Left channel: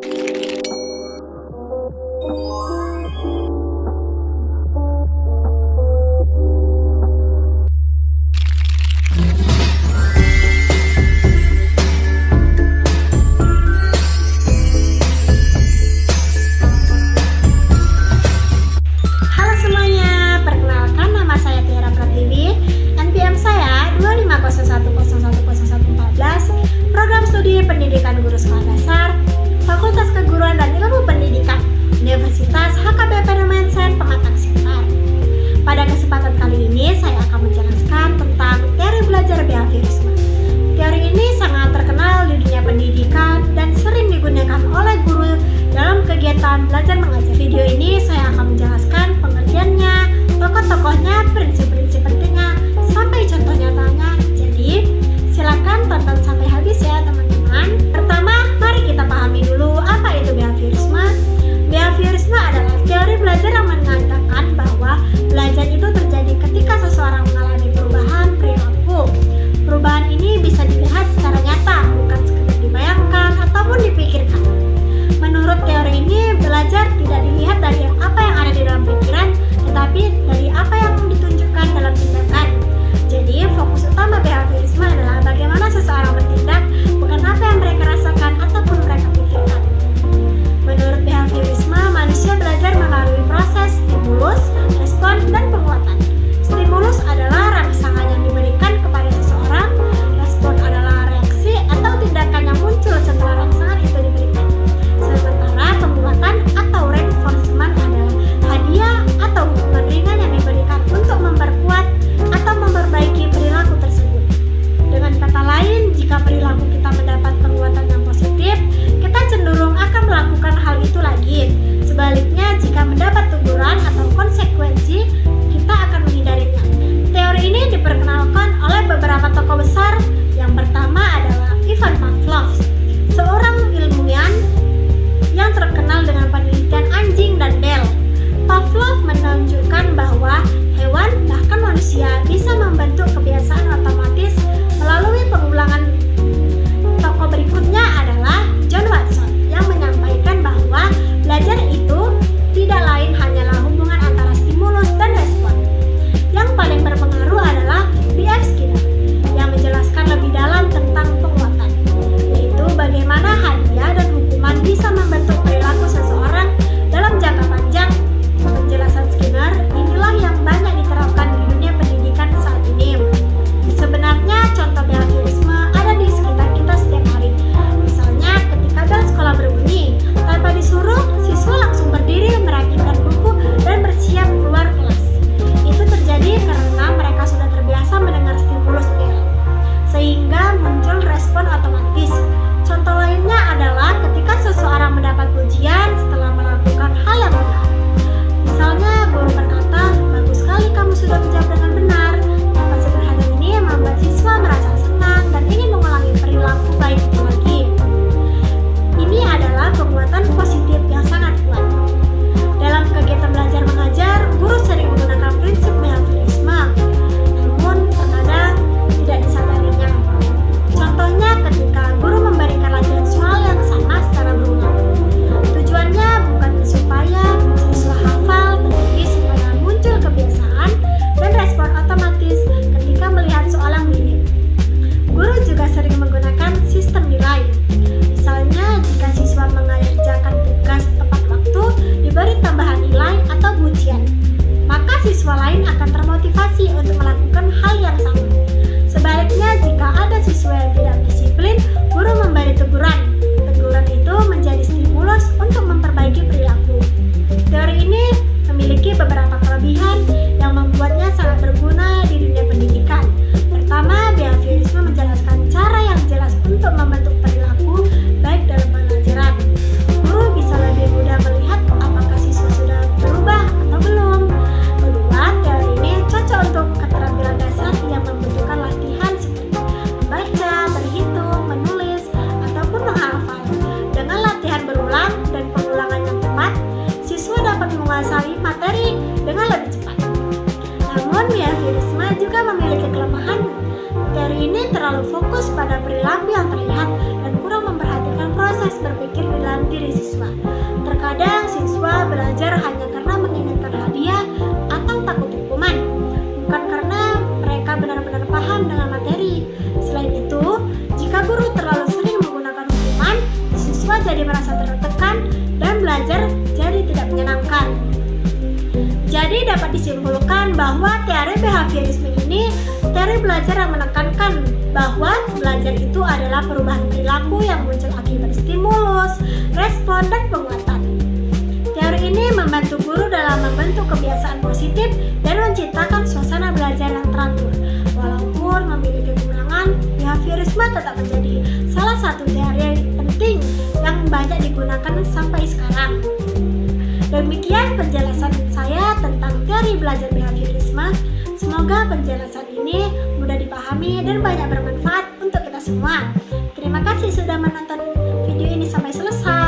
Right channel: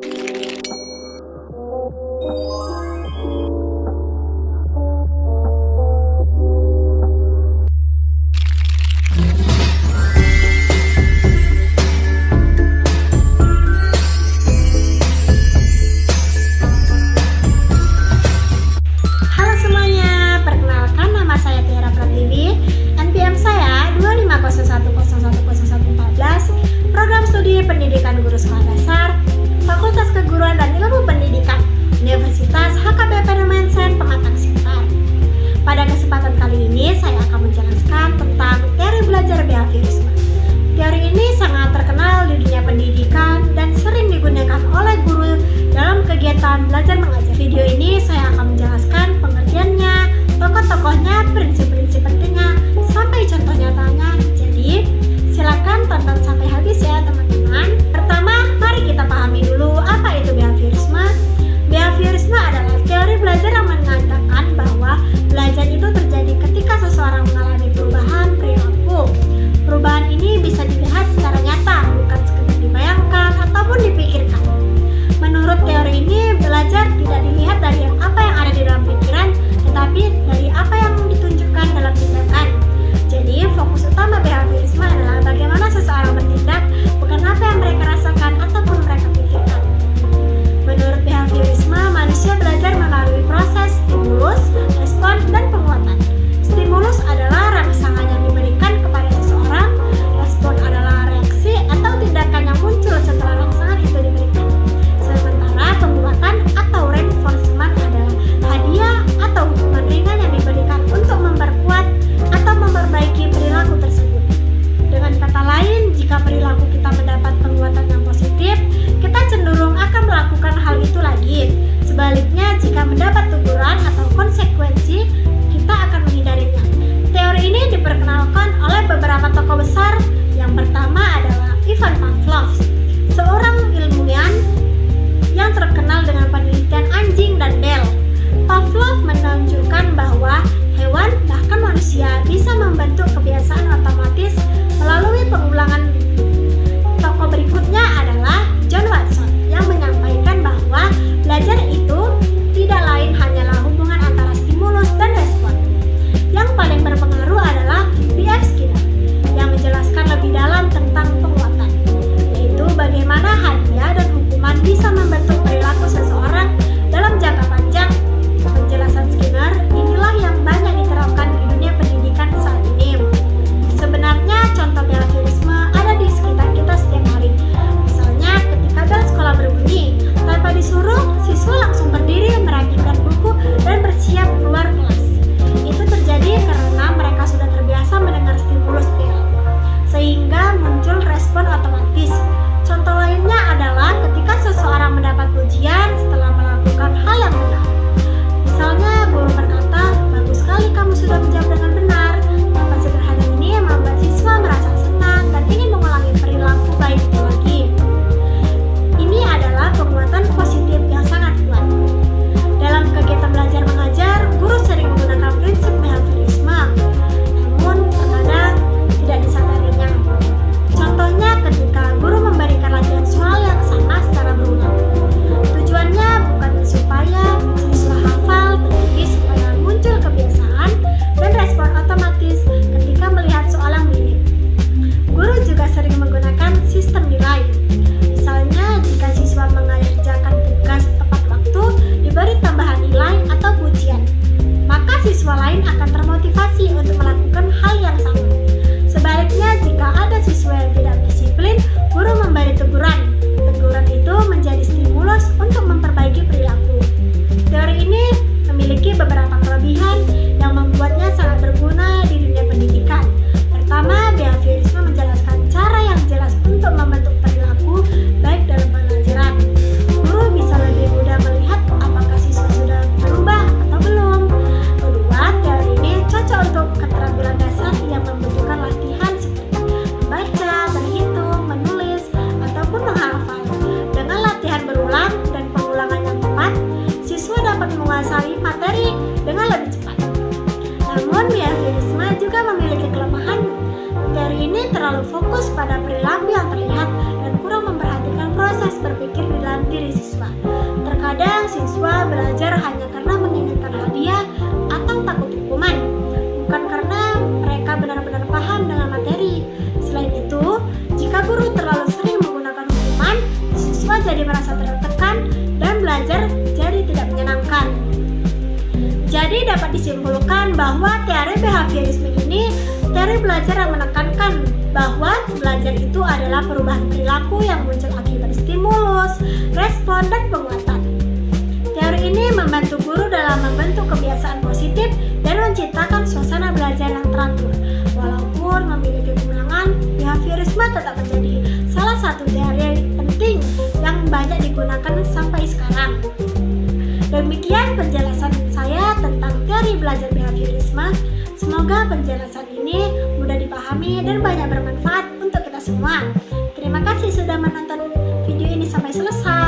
Halo semuanya, perkenalkan nama saya Tiara Pratiwi, NPM saya 250101014, Program Studi Pendidikan Guru Sekolah Dasar, Fakultas Keguruan dan Ilmu Pendidikan, Universitas HKBP Numensen Pematang Siantar. Pada kesempatan kali ini saya akan menjelaskan tentang teori belajar behaviorisme. Teori ini sangat terkenal di dunia pendidikan dan sering digunakan oleh guru dalam kegiatan belajar mengajar. Video ini saya akan menjelaskan pengertiannya, tokoh-tokohnya, prinsip-prinsip pentingnya, sampai contoh nyatanya. Jadi, silakan tonton sampai habis ya teman-teman. Pertama, mari kita pahami dulu apa itu behaviorisme. Behaviorisme adalah teori belajar yang mengatakan bahwa belajar itu terjadi ketika seseorang mengalami perubahan perilaku. Perubahan ini bisa dilihat secara nyata, bukan sekedar dibayangkan ataupun dipikirkan. Menurut teori ini, belajar tidak dilihat dari apa yang ada di dalam pikiran, tetapi dari apa yang ditunjukkan dalam tindakan. Jadi, fokus utama behaviorisme adalah bagaimana seseorang bertindak, bukan apa yang mereka rasakan ataupun mereka pikirkan. Menurut behaviorisme, manusia belajar melalui proses stimulus, respon, dan penguatan. Stimulus adalah rangsangan yang diberikan kepada seseorang, respon adalah reaksi atau tindakan yang muncul setelah rangsangan itu diberikan. Sementara penguatan atau reinforcement adalah hadiah atau hukuman ringan yang diberikan untuk memperkuat atau memperbaiki perilaku tersebut. Dengan kata lain, jika perilaku kita mendapat penguatan yang positif, kita cenderung akan melakukan hal itu lagi. Sebaliknya, jika mendapat teguran atau konsekuensi, kita akan menghindarinya. Teori ini diperkenalkan oleh beberapa tokoh besar. Yang pertama adalah Ivan Pavlov, seorang ilmuwan yang terkenal dengan penelitian anjing dan bel. Pavlov menunjukkan bahwa hewan, bahkan manusia, bisa membentuk kebiasaan otomatis melalui pengulangan. Tokoh berikutnya adalah John Watson yang menyampaikan bahwa belajar itu tidak lain hanyalah hubungan antara stimulus dan respon. Yang paling berpengaruh adalah B.F. Skinner yang menjelaskan lebih dalam tentang penguatan, yaitu bagaimana hadiah dan hukuman bisa membentuk perilaku seseorang dalam jangka panjang. Penjelasan Skinner inilah yang banyak diterapkan di dunia pendidikan saat ini. Sebenarnya contoh behaviorisme ada di sekitar kita setiap hari. Misalnya ketika bel sekolah berbunyi, tanpa disuruh, siswa langsung berdiri, merapikan buku, dan bersiap keluar kelas. Itu terjadi karena mereka sudah terbiasa mendengar stimulus bel, sehingga muncul respon otomatis. Contoh lainnya adalah ketika seseorang mendapat pujian setelah melakukan hal yang benar. Misalnya guru berkata, "Bagus sekali kamu sudah menjawab dengan benar." Kata sederhana ini membuat siswa merasa senang dan ingin mengulangi perilaku baik itu lagi. Ini adalah penguatan positif yang sangat kuat. Dalam kegiatan belajar mengajar, guru sering menggunakan prinsip behaviorisme, namun terkadang tidak disadarinya. Contohnya ketika guru memberikan latihan soal yang sama secara berulang. Tujuannya bukan supaya siswa hafal, tetapi supaya muncul kebiasaan dan respon otomatis ketika melihat soal yang mirip. Guru juga sering menggunakan sistem nilai. Misalnya, jika siswa mengerjakan tugas tepat waktu, diberi tambahan nilai atau pujian, maka siswa lain akan termotivasi untuk melakukan hal yang sama. Sebaliknya, jika ada siswa yang tidak disiplin, guru memberi teguran. Teguran itu menjadi stimulus untuk memperbaiki perilaku. Teori ini memiliki beberapa kelebihan yang membuatnya sangat berguna di dunia pendidikan. Pertama, behaviorisme menjelaskan cara yang jelas untuk membentuk perilaku baik dalam pelajaran. Guru bisa lebih mudah melihat apakah siswa sudah berubah atau belum. Kedua, teori ini cocok untuk keterampilan dasar yang membutuhkan latihan seperti membaca, berhitung, menulis, ataupun menghafal. Dengan latihan berulang dan pengulangan yang tepat, siswa dapat menguasai materi dengan lebih cepat. Namun, behaviorisme juga memiliki kelemahan. Teori ini terlalu fokus pada perilaku yang terlihat dan kurang memperhatikan proses proses berpikir di dalam diri siswa. Terkadang siswa belajar hanya karena menginginkan hadiah atau takut hukuman, bukan karena mereka benar-benar paham dengan materi. Selain itu, jika guru terlalu sering menggunakan hukuman, siswa jadi merasa tertekan dan belajar jadi tidak menyenangkan. Jadi dapat disimpulkan bahwa teori behaviorisme ini teori belajar yang menekankan bahwa belajar itu adalah perubahan perilaku yang muncul akibat stimulus, respon, dan penguatan. Teori ini membantu guru dalam membentuk kebiasaan positif dan menciptakan suasana belajar yang teratur. Walaupun memiliki kekurangan, behaviorisme tetap menjadi salah satu teori penting yang banyak digunakan sampai sekarang. Demikian penjelasan saya tentang teori belajar behaviorisme. Semoga penjelasan ini mudah dipahami dan banyak bermanfaat untuk kita semua. Terima kasih sudah menonton video ini sampai selesai.